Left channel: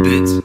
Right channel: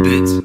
bitch.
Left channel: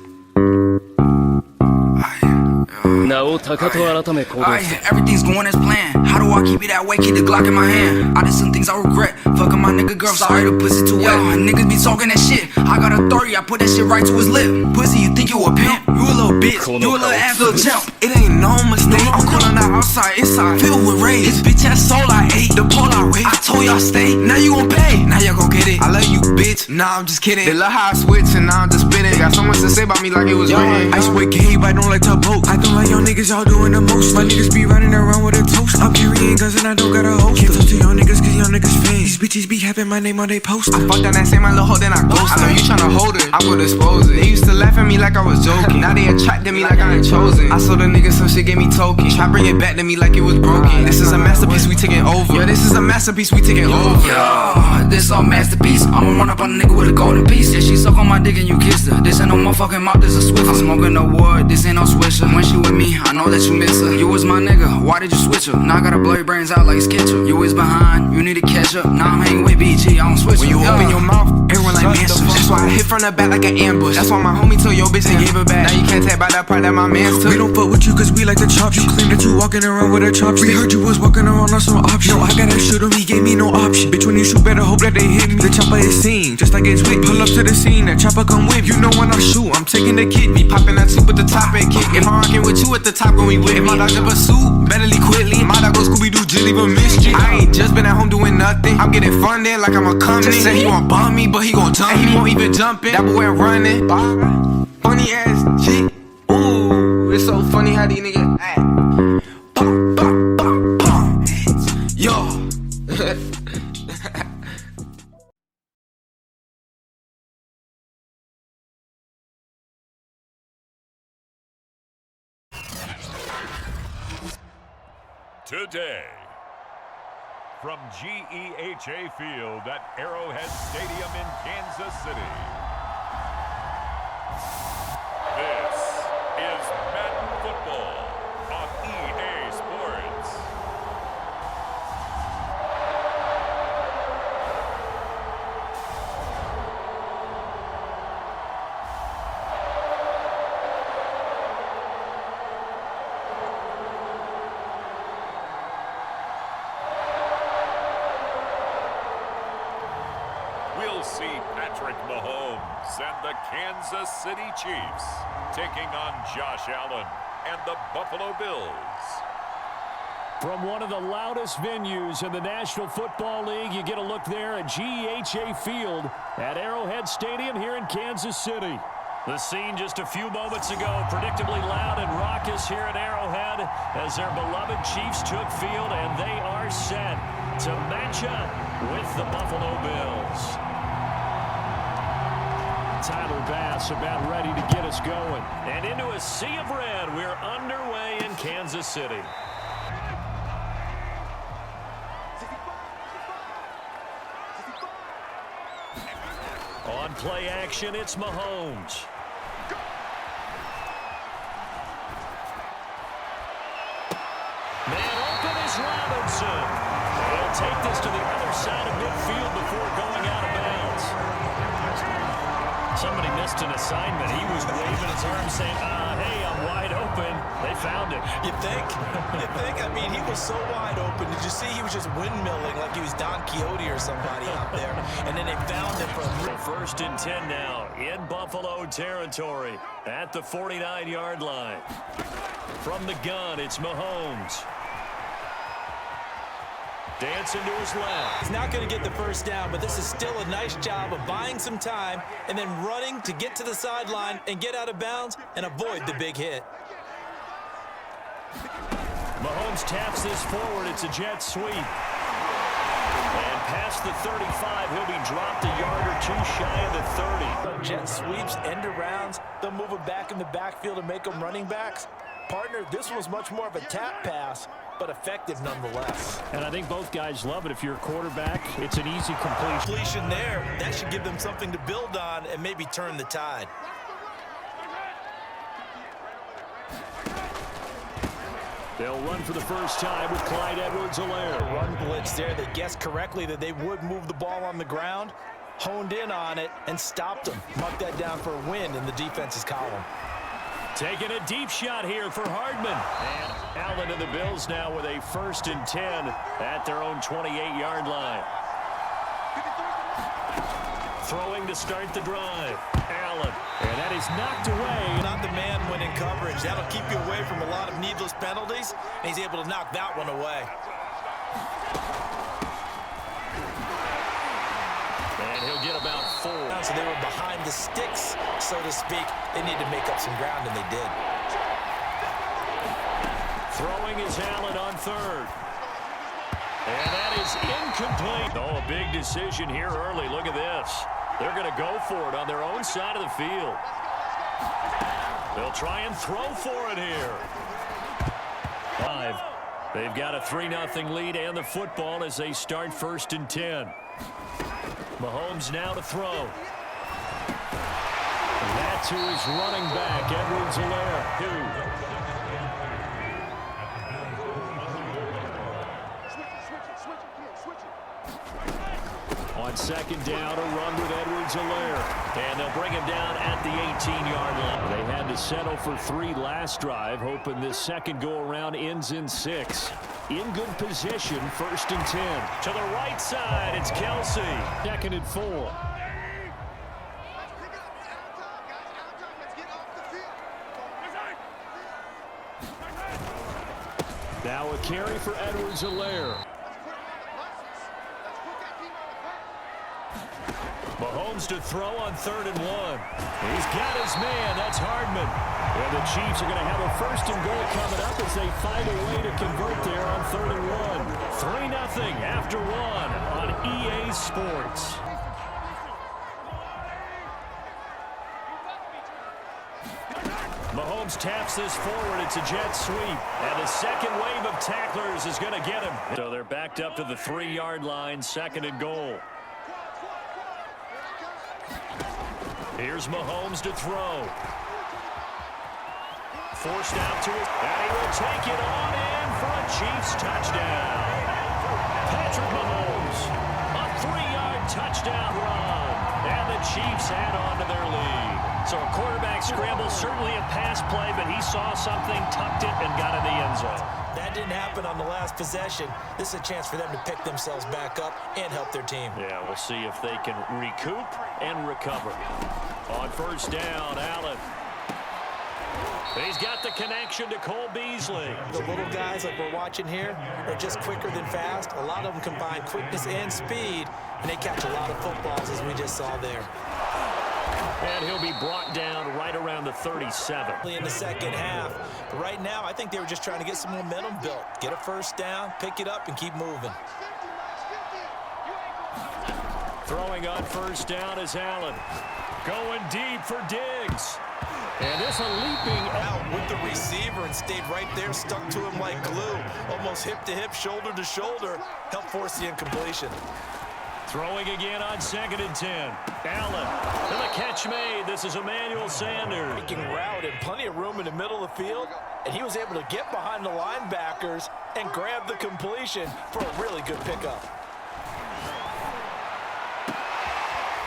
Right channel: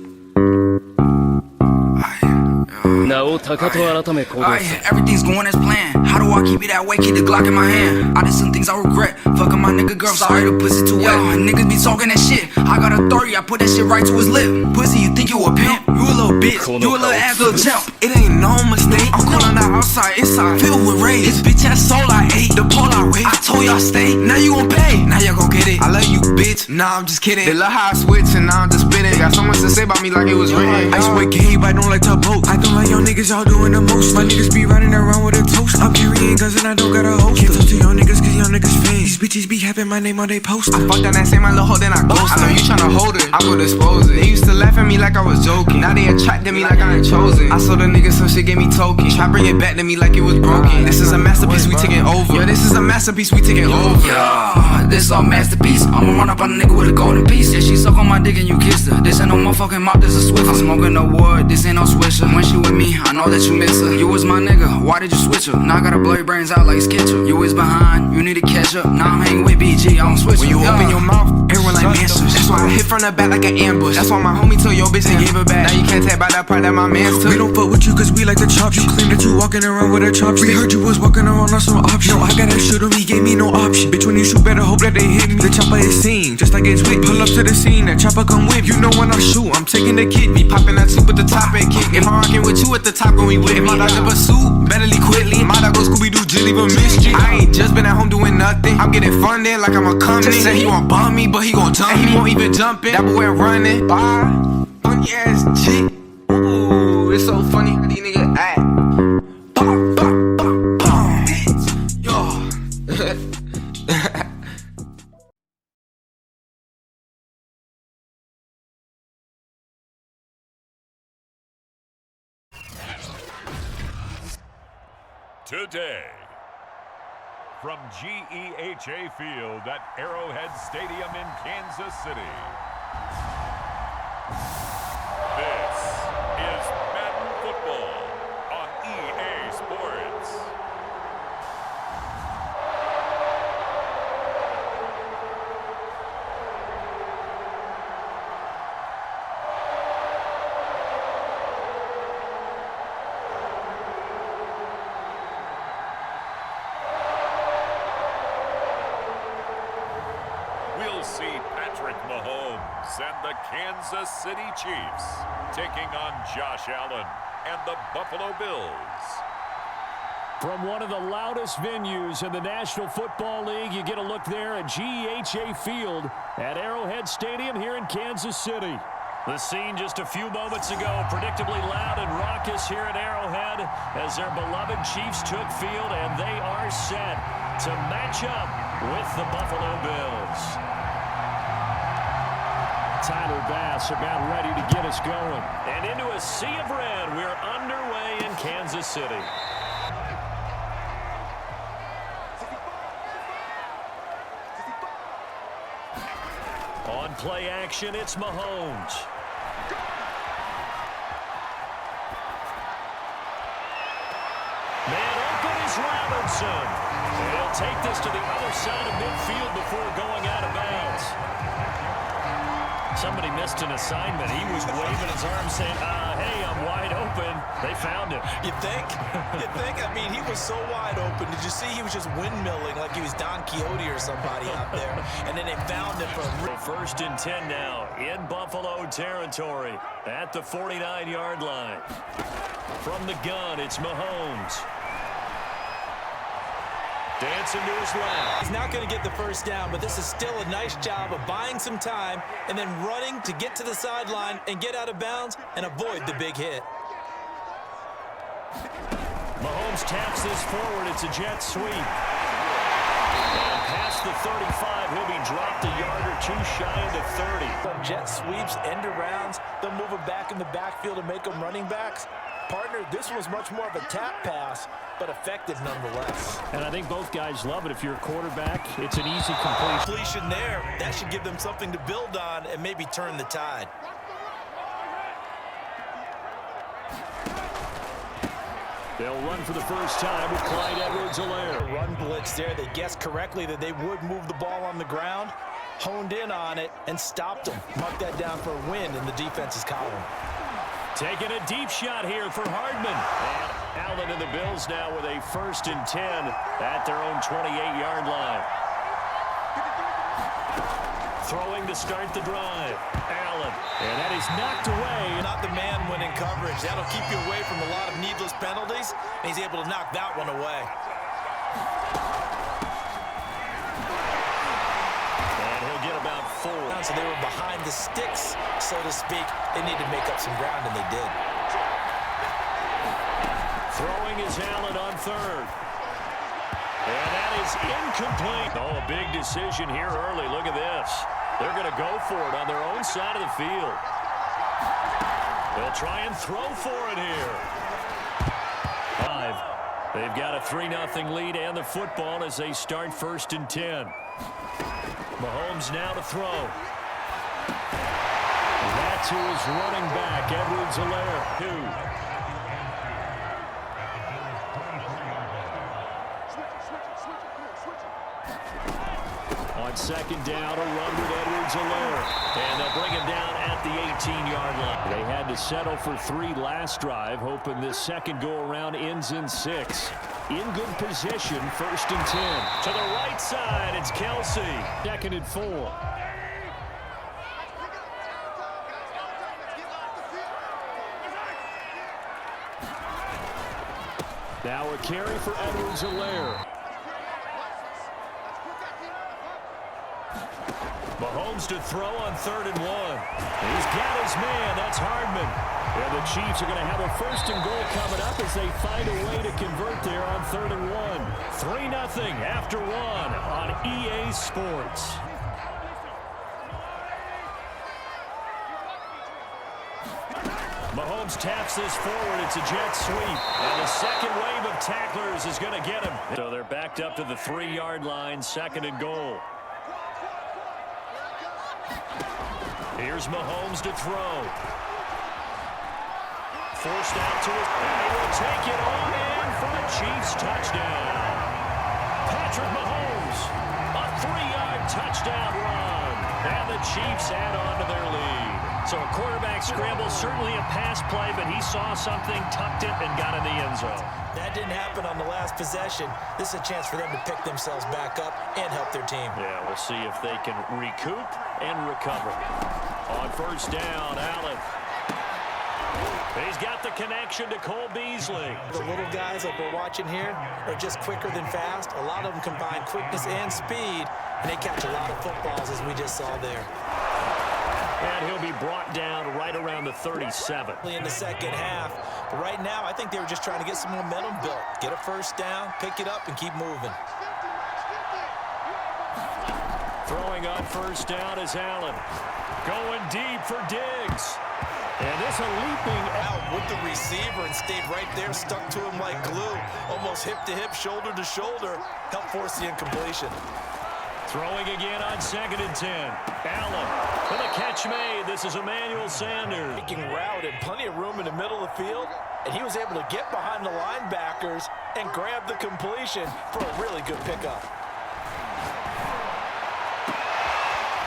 Everything's going as planned. How do I keep it that way? Keep the Glock in my hand. I did some things I regret. Fucking my nigga girl, sorry the pussy too wet. Niggas be talking that shit. I got authority, I put that shit right to his lip. Pussy, you think you a pimp? You a little bitch, you a little ass little chimp. It ain't no mistake. I'm cool on the outside, inside filled with rage. This bitch ass soul I ate, the pole I wait. I told y'all stay, now you gon' pay. Now y'all gon' get it. I love you, bitch. Nah, I'm just kidding. They love how I switch and now I'm just spinning. Got so much to say about me like it was written. Ice boy gay, but I don't like to boat. I don't like y'all niggas, y'all doing the most. My niggas be running around with a toast. I'm carrying guns and I don't got a host. Can't talk to y'all niggas cause y'all niggas fans. These bitches be having my name on they post. I fucked on that same my little hoe, then I ghost. I know you tryna hold it, I will dispose it. They used to laugh at me like I was joking. Now they attracted me like I ain't chosen. I saw the niggas some shit gave me token. Try bring it back to me like it was broken. This is a masterpiece we taking over. Yeah, this is a masterpiece we taking over. Yeah, this all masterpiece. I'ma run up on a nigga with a golden piece. Yeah, she suck on my dick and you kissed her. This ain't no motherfucking mouth, this a Swiffer. I'm smoking the wood, this ain't no swisher. When she with me, I know that you miss her. You was my nigga, why did you switch her? Now I gotta blow your brains out like Skitcher. You was behind, you need to catch up. Now I'm hanging with BG, I don't switch her. When you open your mouth, everyone like answers. That's why I hit from the back like an ambush. That's why my homie told your bitch and gave her back. Now you can't tap by that part that my man took. We don't fuck with you cause we like to chop. You claim that you walking around with a chopstick. We heard you was walking around on some option. No, I gotta shoot him, he gave me no option. Bitch, when you shoot, better hope that they hit me. The chopper is seen, just like it's with. Pull up to the scene, that chopper come with. You know when I shoot, I'm taking the kid. Me popping that soup at the top and kick. If I'm rocking with you at the top, going with me. If my dog ever suit, better leave quickly. My dog go Scooby-Doo, just leave a mystery. I ain't just been at home doing nothing. I'm getting funded like I'm a company. Just say he won't bump me, but he gon' jump me. He won't even jump in. That boy running. Funny ass shit. Ooh, it's so funny how these niggas act. Yo. Today, from GEHA Field at Arrowhead Stadium in Kansas City, this is Madden Football on EA Sports. We'll see Patrick Mahomes and the Kansas City Chiefs taking on Josh Allen and the Buffalo Bills. From one of the loudest venues in the National Football League, you get a look there at GEHA Field at Arrowhead Stadium here in Kansas City. The scene just a few moments ago, predictably loud and raucous here at Arrowhead as their beloved Chiefs took field, and they are set to match up with the Buffalo Bills. Tyler Bass about ready to get us going. And into a sea of red, we're underway in Kansas City. On play action, it's Mahomes. Man open is Robinson. And he'll take this to the other side of midfield before going out of bounds. Somebody missed an assignment. He was waving his arm saying, hey, I'm wide open. They found him. You think? You think? I mean, he was so wide open. Did you see he was just windmilling like he was Don Quixote or somebody out there? And then they found him for First and 10 now in Buffalo territory at the 49-yard line. From the gun, it's Mahomes. Dancing to his left. He's not going to get the first down, but this is still a nice job of buying some time and then running to get to the sideline and get out of bounds and avoid the big hit. Mahomes taps this forward. It's a jet sweep. And past the 35, he'll be dropped a yard or two shy of the 30. Jet sweeps, end arounds, they'll move him back in the backfield and make them running backs. Partner, this was much more of a tap pass, but effective nonetheless. And I think both guys love it. If you're a quarterback, it's an easy completion there. That should give them something to build on and maybe turn the tide. They'll run for the first time with Clyde Edwards-Helaire. Run blitz there. They guessed correctly that they would move the ball on the ground. honed in on it and stopped him. Mark that down for a win in the defense's column. Taking a deep shot here for Hardman. And Allen and the Bills now with a 1st and 10 at their own 28-yard line. Throwing to start the drive. Allen. And that is knocked away. Not the man winning coverage. That'll keep you away from a lot of needless penalties. And he's able to knock that one away. And he'll get about 4. So they were behind the sticks, so to speak. They need to make up some ground, and they did. Throwing is Allen on 3rd. And that is incomplete. Oh, a big decision here early. Look at this. They're going to go for it on their own side of the field. They'll try and throw for it here. 5. They've got a 3-0 lead and the football as they start 1st and 10. Mahomes now to throw. And that to his running back, Edwards-Helaire. 2. On 2nd down, a run with Edwards-Helaire. And they'll bring him down at the 18-yard line. They had to settle for 3 last drive, hoping this second go-around ends in 6. In good position, 1st and 10. To the right side, it's Kelsey. 2nd and 4. Now a carry for Edwards-Helaire. Mahomes to throw on 3rd and 1. He's got his man. That's Hardman. And the Chiefs are going to have a 1st and goal coming up as they find a way to convert there on 3rd and 1. 3-0 after 1 on EA Sports. Mahomes taps this forward. It's a jet sweep. And the second wave of tacklers is going to get him. So they're backed up to the 3-yard line, 2nd and goal. Here's Mahomes to throw. Forced out to his, and he will take it on in for a Chiefs touchdown. Patrick Mahomes, a 3-yard touchdown run, and the Chiefs add on to their lead. So a quarterback scramble, certainly a pass play, but he saw something, tucked it, and got in the end zone. That didn't happen on the last possession. This is a chance for them to pick themselves back up and help their team. Yeah, we'll see if they can recoup and recover. On 1st down, Allen. He's got the connection to Cole Beasley. The little guys like we're watching here are just quicker than fast. A lot of them combine quickness and speed, and they catch a lot of footballs, as we just saw there. And he'll be brought down right around the 37. In the second half. But right now, I think they were just trying to get some momentum built. Get a 1st down, pick it up, and keep moving. Throwing on 1st down is Allen. Going deep for Diggs. And this a leaping out with the receiver and stayed right there, stuck to him like glue. Almost hip to hip, shoulder to shoulder. Helped force the incompletion. Throwing again on 2nd and 10. Allen to the catch made. This is Emmanuel Sanders. Making route and plenty of room in the middle of the field. And he was able to get behind the linebackers and grab the completion for a really good pickup.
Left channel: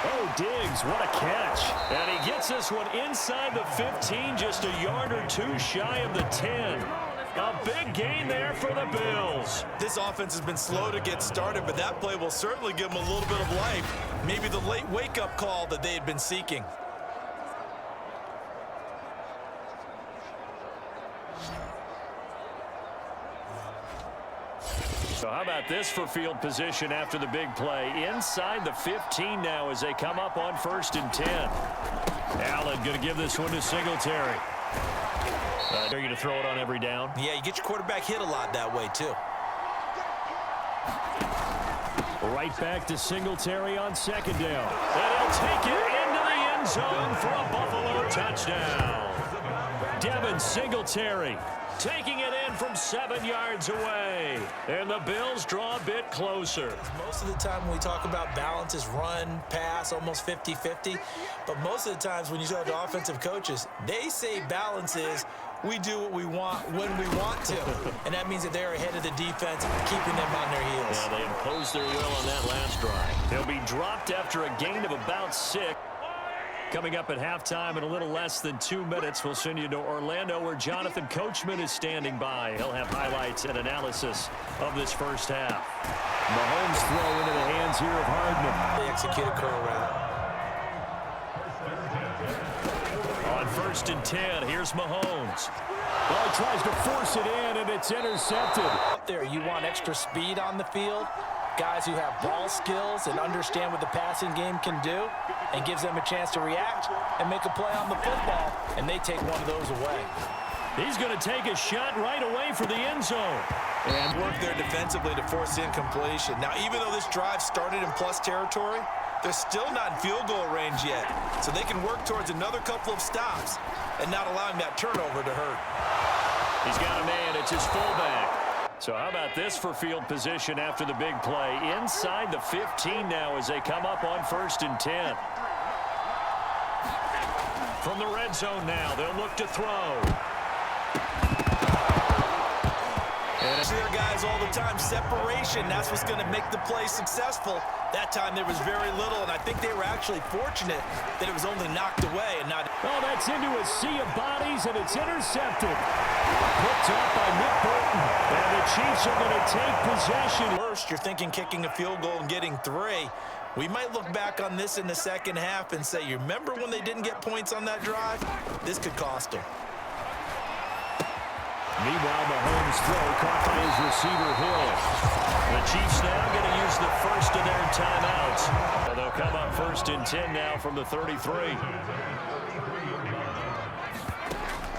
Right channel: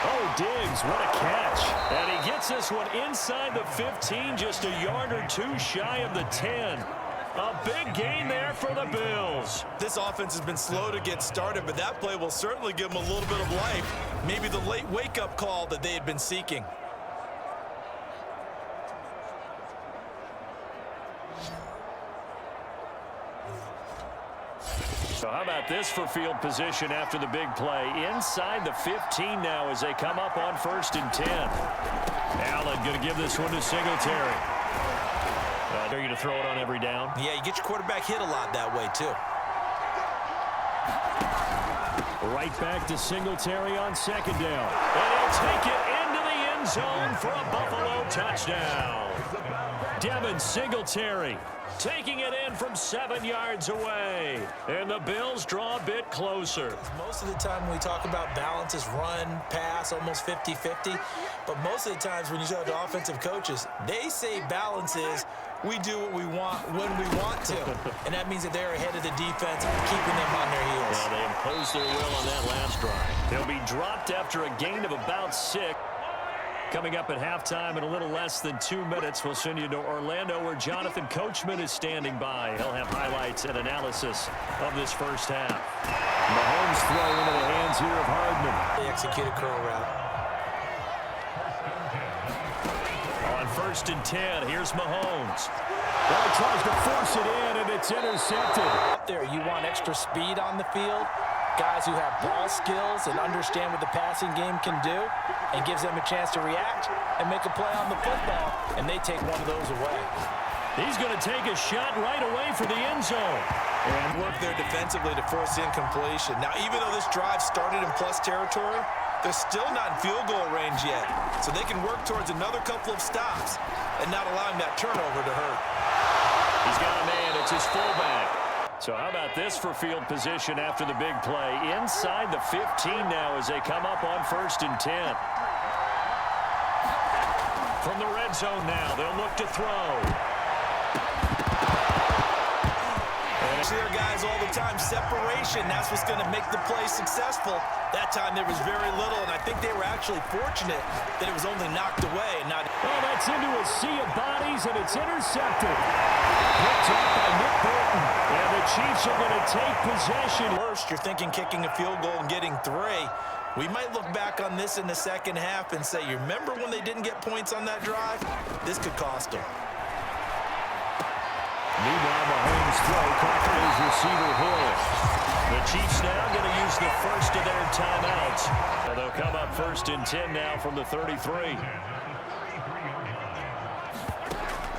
Oh, Diggs, what a catch. And he gets this one inside the 15, just a yard or 2 shy of the 10. A big gain there for the Bills. This offense has been slow to get started, but that play will certainly give them a little bit of life. Maybe the late wake-up call that they had been seeking. So how about this for field position after the big play? Inside the 15 now as they come up on 1st and 10. Allen going to give this one to Singletary. Dare you to throw it on every down? Yeah, you get your quarterback hit a lot that way, too. Right back to Singletary on 2nd down. And he'll take it into the end zone for a Buffalo touchdown. Devin Singletary taking it in from 7 yards away. And the Bills draw a bit closer. Most of the time when we talk about balance is run, pass, almost 50-50. But most of the times when you talk to offensive coaches, they say balance is we do what we want when we want to. And that means that they're ahead of the defense, keeping them on their heels. Yeah, they imposed their will on that last drive. They'll be dropped after a gain of about 6. Coming up at halftime in a little less than 2 minutes, we'll send you to Orlando where Jonathan Coachman is standing by. He'll have highlights and analysis of this first half. Mahomes throw into the hands here of Hardman. They execute a curl route. On 1st and 10, here's Mahomes. Well, he tries to force it in, and it's intercepted. Up there, you want extra speed on the field. Guys who have ball skills and understand what the passing game can do, and gives them a chance to react and make a play on the football, and they take one of those away. He's going to take a shot right away for the end zone. And work there defensively to force incompletion. Now, even though this drive started in plus territory, they're still not in field goal range yet. So they can work towards another couple of stops and not allowing that turnover to hurt. He's got a man. It's his fullback. So how about this for field position after the big play? Inside the 15 now as they come up on 1st and 10. From the red zone now, they'll look to throw. And I see their guys all the time. Separation, that's what's going to make the play successful. That time there was very little, and I think they were actually fortunate that it was only knocked away and not... Oh, that's into a sea of bodies, and it's intercepted. Picked off by Nick Bolton. And the Chiefs are going to take possession. First, you're thinking kicking a field goal and getting 3. We might look back on this in the second half and say, you remember when they didn't get points on that drive? This could cost them. Meanwhile, Mahomes' throw caught by his receiver, Hill. The Chiefs now going to use the first of their timeouts. And they'll come up 1st and 10 now from the 33.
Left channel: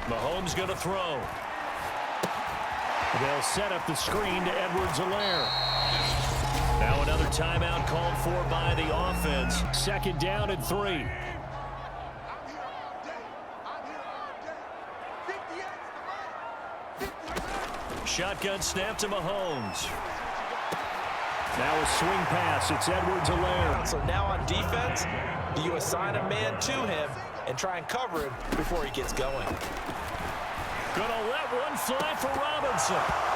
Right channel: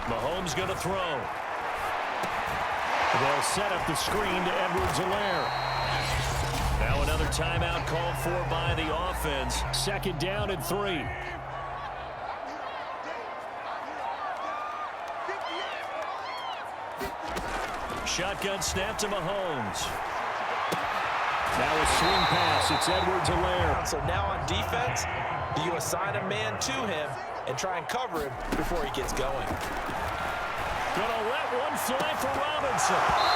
Mahomes going to throw. They'll set up the screen to Edwards-Helaire. Now another timeout called for by the offense. 2nd down and 3. Shotgun snap to Mahomes. Now a swing pass. It's Edwards-Helaire. So now on defense, do you assign a man to him and try and cover him before he gets going? Gonna let one fly for Robinson.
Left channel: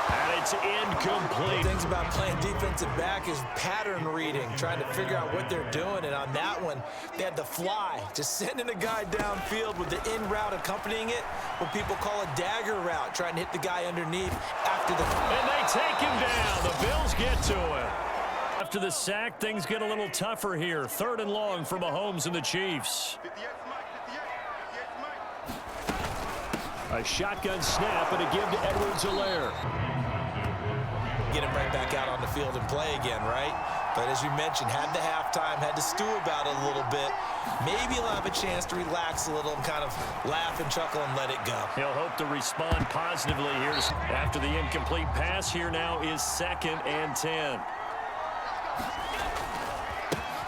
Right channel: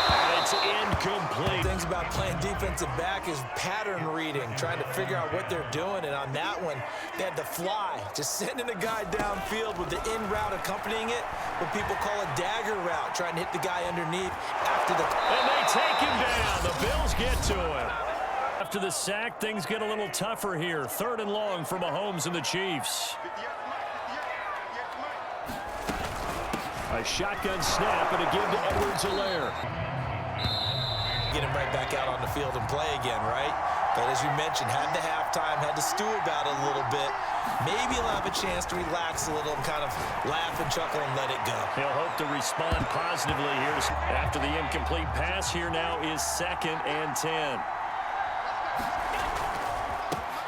And it's incomplete. Things about playing defensive back is pattern reading, trying to figure out what they're doing. And on that one, they had the fly, just sending a guy downfield with the in route accompanying it, what people call a dagger route, trying to hit the guy underneath after the... And they take him down. The Bills get to him. After the sack, things get a little tougher here. 3rd and long for Mahomes and the Chiefs. A shotgun snap and a give to Edwards-Helaire. Get him right back out on the field and play again, right? But as you mentioned, had the halftime, had to stew about it a little bit. Maybe he'll have a chance to relax a little and kind of laugh and chuckle and let it go. He'll hope to respond positively here after the incomplete pass. Here now is 2nd and 10.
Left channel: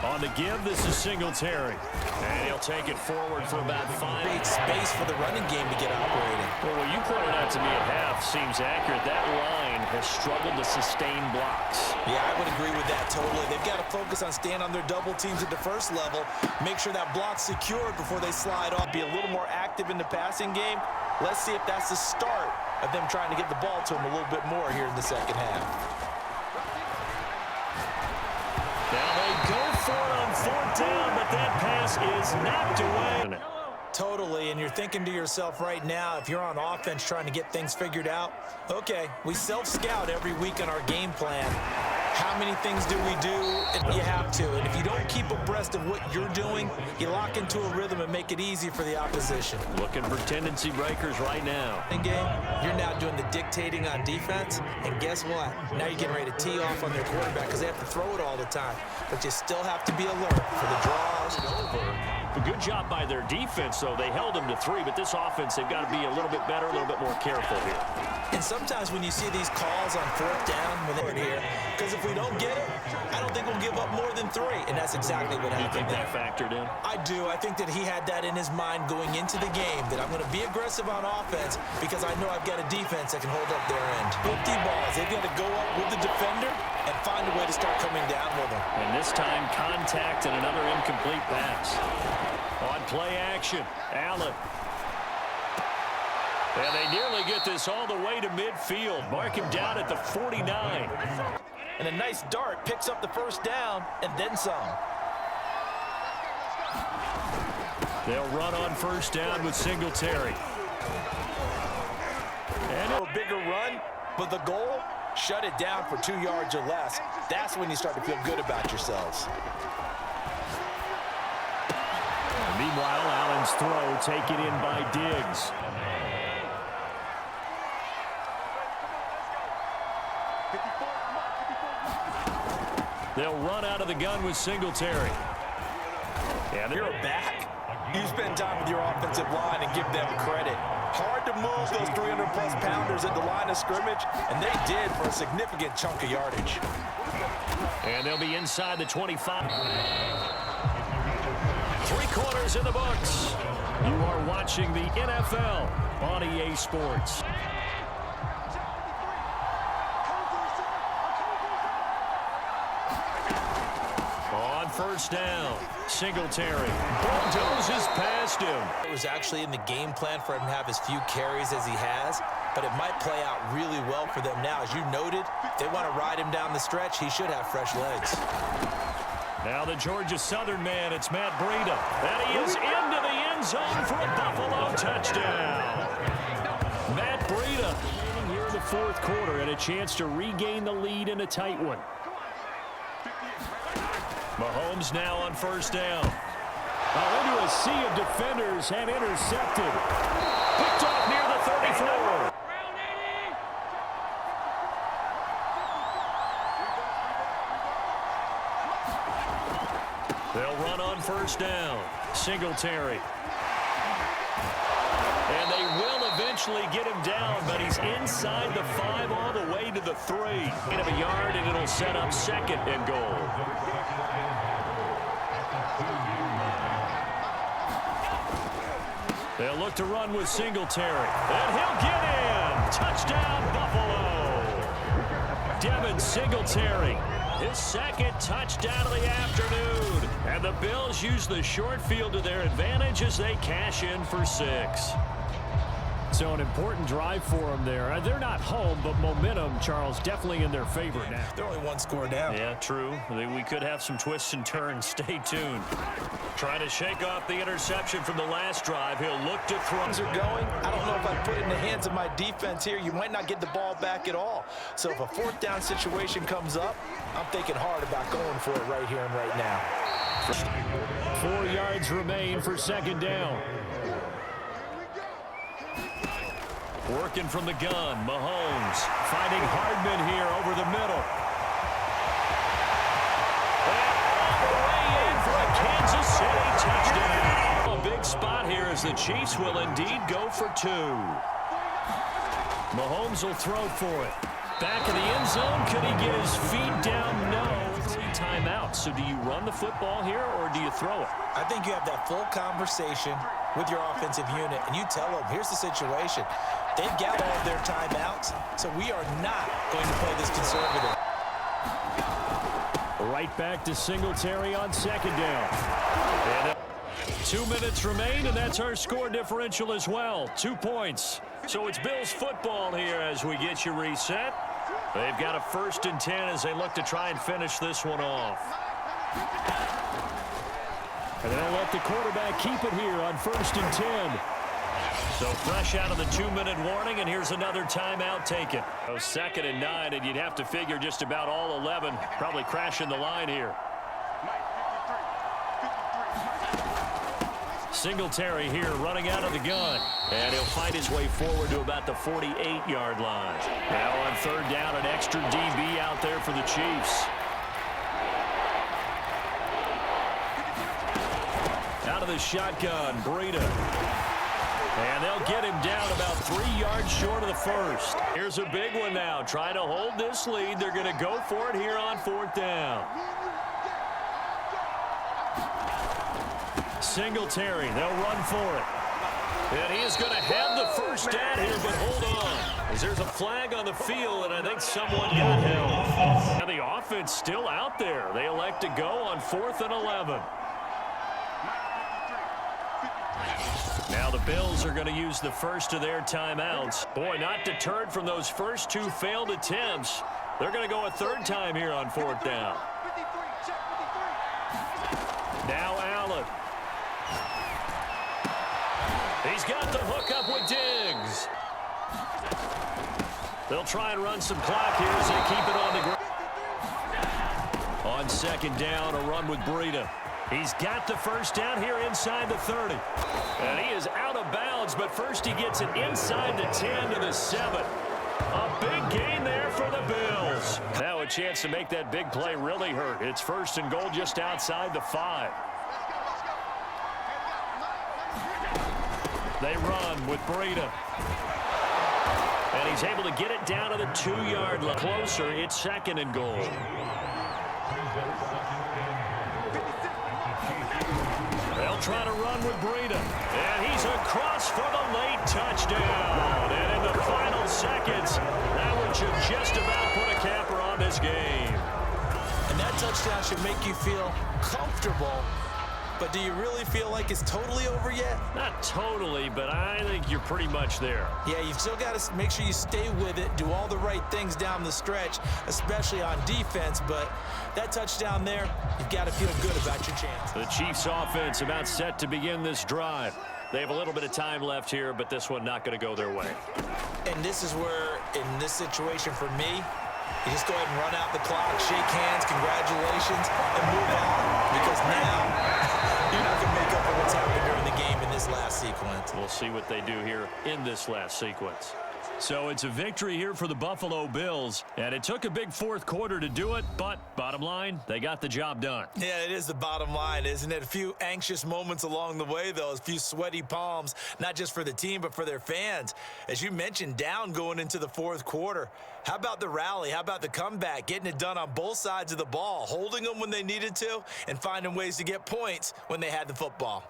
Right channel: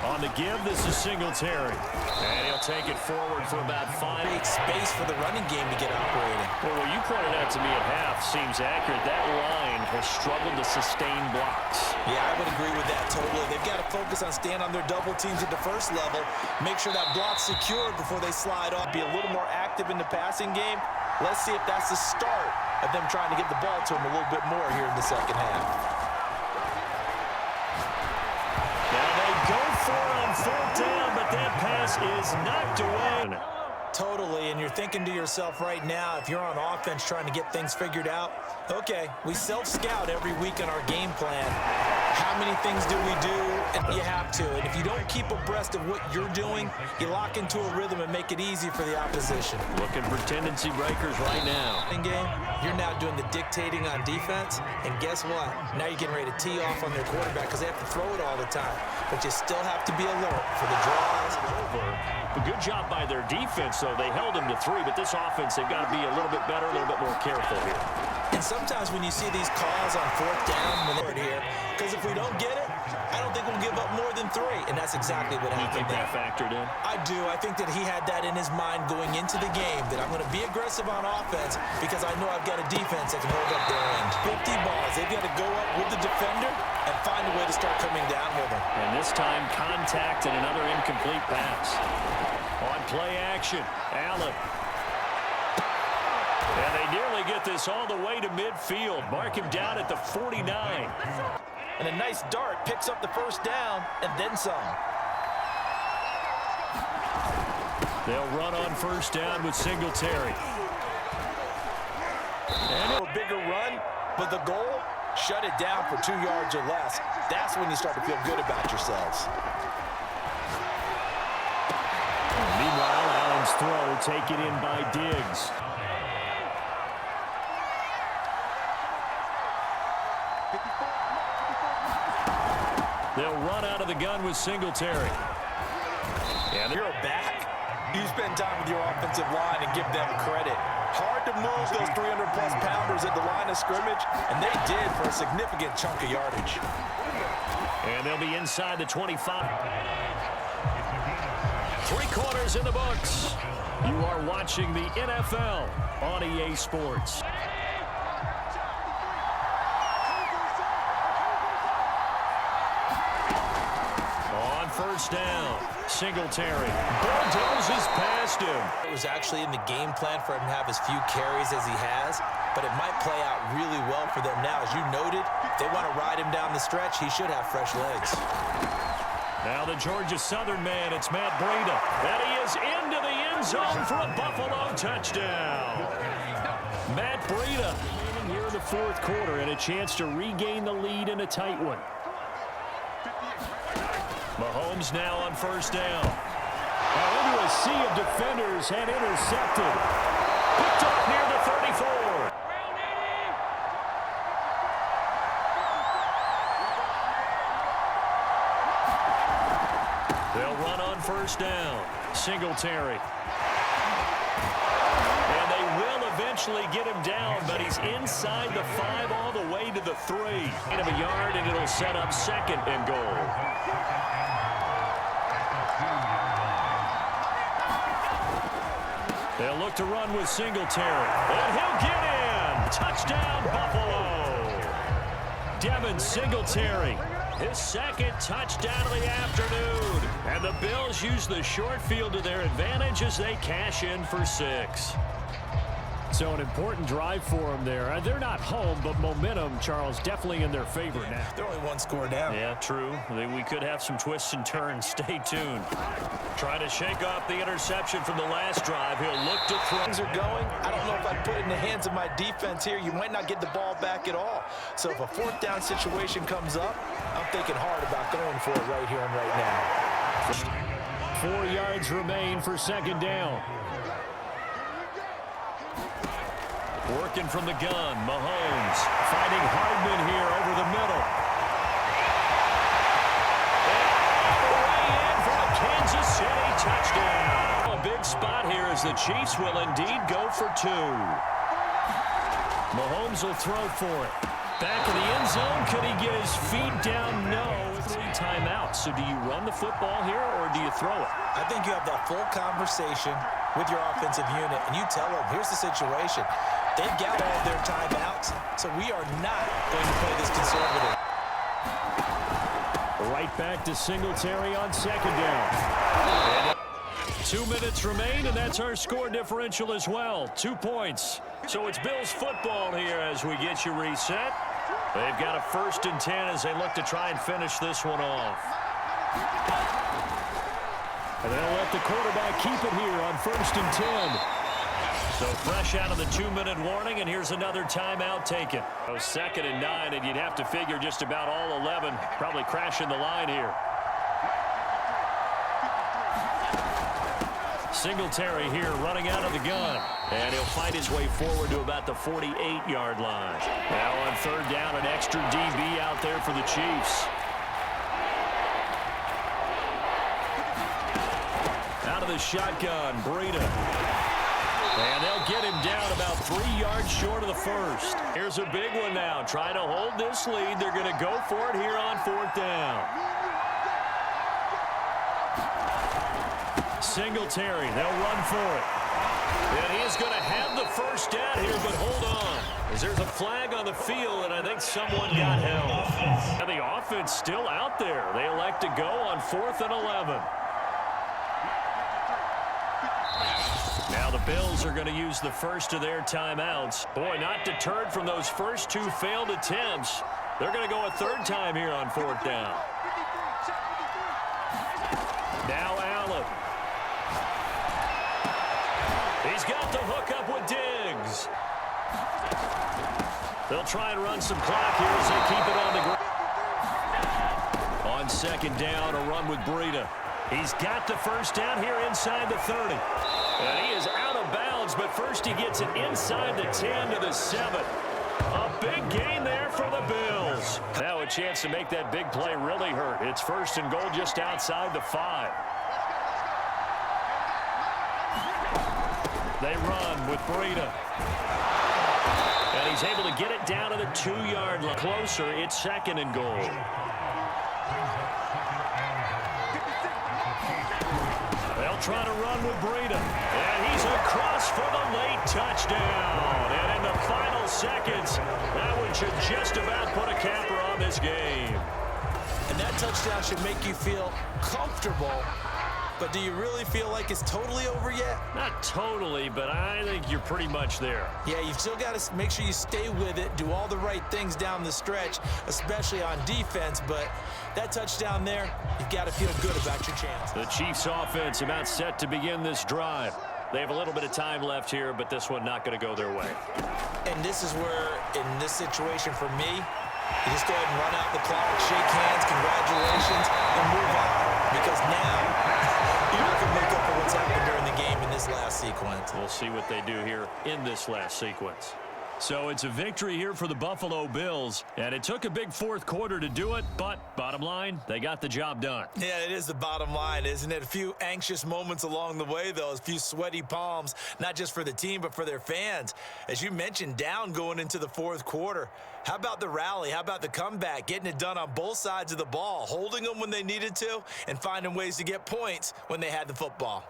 On the give, this is Singletary. And he'll take it forward for about 5. Create space for the running game to get operating. Well, what you pointed out to me at half seems accurate. That line has struggled to sustain blocks. Yeah, I would agree with that totally. They've got to focus on staying on their double teams at the first level, make sure that block's secured before they slide off, be a little more active in the passing game. Let's see if that's the start of them trying to get the ball to them a little bit more here in the second half. Now they go for it on 4th down, but that pass is knocked away. Totally, and you're thinking to yourself right now, if you're on offense trying to get things figured out, okay, we self-scout every week on our game plan. How many things do we do? And you have to. And if you don't keep abreast of what you're doing, you lock into a rhythm and make it easy for the opposition. Looking for tendency breakers right now. In game, you're now doing the dictating on defense, and guess what? Now you're getting ready to tee off on their quarterback because they have to throw it all the time. But you still have to be alert for the draws. Over. A good job by their defense, though. They held them to 3, but this offense, they've got to be a little bit better, a little bit more careful here. And sometimes when you see these calls on 4th down, when they're here, because if we don't get it, I don't think we'll give up more than 3, and that's exactly what happened. You think there. that factored in? I do. I think that he had that in his mind going into the game, that I'm going to be aggressive on offense because I know I've got a defense that can hold up their end. 50 balls. They've got to go up with the defender and find a way to start coming down with him. And this time, contact and another incomplete pass. On play action, Allen. And they nearly get this all the way to midfield. Mark him down at the 49. And a nice dart picks up the first down and then some. They'll run on first down with Singletary. And A bigger run, but the goal, shut it down for 2 yards or less. That's when you start to feel good about yourselves. meanwhile, Allen's throw taken in by Diggs. They'll run out of the gun with Singletary. And you're back. You spend time with your offensive line and give them credit. Hard to move those 300-plus pounders at the line of scrimmage, and they did for a significant chunk of yardage. And they'll be inside the 25. 3 quarters in the books. You are watching the NFL on EA Sports. On first down, Singletary bulldozes past him. It was actually in the game plan for him to have as few carries as he has, but it might play out really well for them now. As you noted, if they want to ride him down the stretch, he should have fresh legs. Now the Georgia Southern man, it's Matt Breida. And he is into the end zone for a Buffalo touchdown. Matt Breida here in the 4th quarter and a chance to regain the lead in a tight one. Mahomes now on first down. Into a sea of defenders and intercepted. Picked off near the 34. They'll run on first down. Singletary. And they will eventually get him down, but he's inside the 5 all the way to the 3. Gain of a yard, and it'll set up 2nd and goal. They'll look to run with Singletary. And he'll get in. Touchdown, Buffalo. Devin Singletary. His 2nd touchdown of the afternoon. And the Bills use the short field to their advantage as they cash in for 6. So an important drive for them there. They're not home, but momentum, Charles, definitely in their favor now. They're only 1 score down. Yeah, true. We could have some twists and turns. Stay tuned. Trying to shake off the interception from the last drive. He'll look to throw. Things are going. I don't know if I put it in the hands of my defense here. You might not get the ball back at all. So if a 4th down situation comes up, I'm thinking hard about going for it right here and right now. 4 yards remain for 2nd down. Working from the gun, Mahomes fighting Hardman here over the middle. And all the way in for a Kansas City touchdown. A big spot here as the Chiefs will indeed go for 2. Mahomes will throw for it. Back in the end zone, could he get his feet down? No. 3 timeouts. So do you run the football here or do you throw it? I think you have that full conversation with your offensive unit, and you tell them, here's the situation. They've got all of their timeouts, so we are not going to play this conservative. Right back to Singletary on 2nd down. And 2 minutes remain, and that's our score differential as well. 2 points. So it's Bills football here as we get you reset. They've got a 1st and 10 as they look to try and finish this one off. And they'll let the quarterback keep it here on 1st and 10. So fresh out of the 2-minute warning, and here's another timeout taken. 2nd and 9, and you'd have to figure just about all 11 probably crashing the line here. Singletary here running out of the gun. And he'll fight his way forward to about the 48-yard line. Now on 3rd down, an extra DB out there for the Chiefs. Out of the shotgun, Breida. And they'll get him down about 3 yards short of the 1st. Here's a big one now. Trying to hold this lead. They're going to go for it here on 4th down. Singletary, they'll run for it. And he is going to have the first down here, but hold on. As there's a flag on the field, and I think someone got held. And the offense still out there. They elect to go on 4th and 11. Now the Bills are going to use the first of their timeouts. Boy, not deterred from those first two failed attempts. They're going to go a third time here on fourth down. Now Allen. He's got the hook up with Diggs. They'll try and run some clock here as they keep it on the ground. On second down, a run with Breida. He's got the first down here inside the 30. And he is out of bounds, but first he gets it inside the 10 to the 7. A big gain there for the Bills. Now a chance to make that big play really hurt. It's first and goal just outside the 5. They run with Breida. And he's able to get it down to the 2-yard line. Closer, it's second and goal. They'll try to run with Breida. And he's across for the late touchdown. And in the final seconds, that one should just about put a capper on this game. And that touchdown should make you feel comfortable. But do you really feel like it's totally over yet? Not totally, but I think you're pretty much there. Yeah, you've still got to make sure you stay with it, do all the right things down the stretch, especially on defense. But that touchdown there, you've got to feel good about your chance. The Chiefs offense about set to begin this drive. They have a little bit of time left here, but this one not going to go their way. And this is where, in this situation for me, you just go ahead and run out the clock, shake hands, congratulations, and move on. Because now, you're not going to make up for what's happened during the game in this last sequence. We'll see what they do here in this last sequence. So it's a victory here for the Buffalo Bills, and it took a big fourth quarter to do it, but bottom line, they got the job done. Yeah, it is the bottom line, isn't it? A few anxious moments along the way, though, a few sweaty palms, not just for the team, but for their fans. As you mentioned, down going into the fourth quarter. How about the rally? How about the comeback? Getting it done on both sides of the ball, holding them when they needed to, and finding ways to get points when they had the football.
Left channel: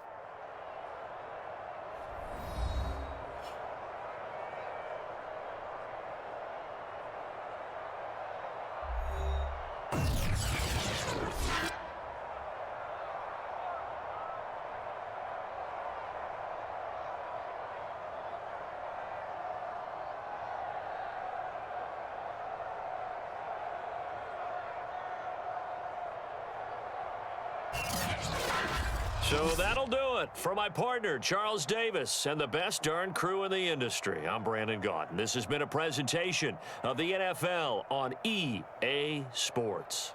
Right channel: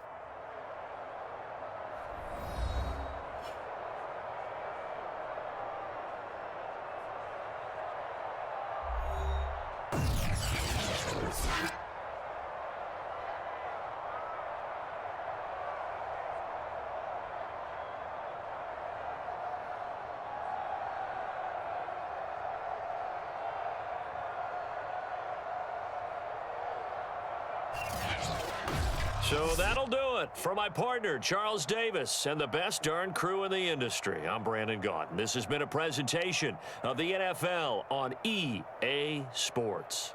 So that'll do it for my partner, Charles Davis, and the best darn crew in the industry. I'm Brandon Gaudin. This has been a presentation of the NFL on EA Sports.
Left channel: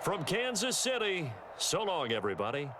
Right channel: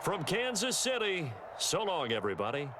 From Kansas City, so long, everybody.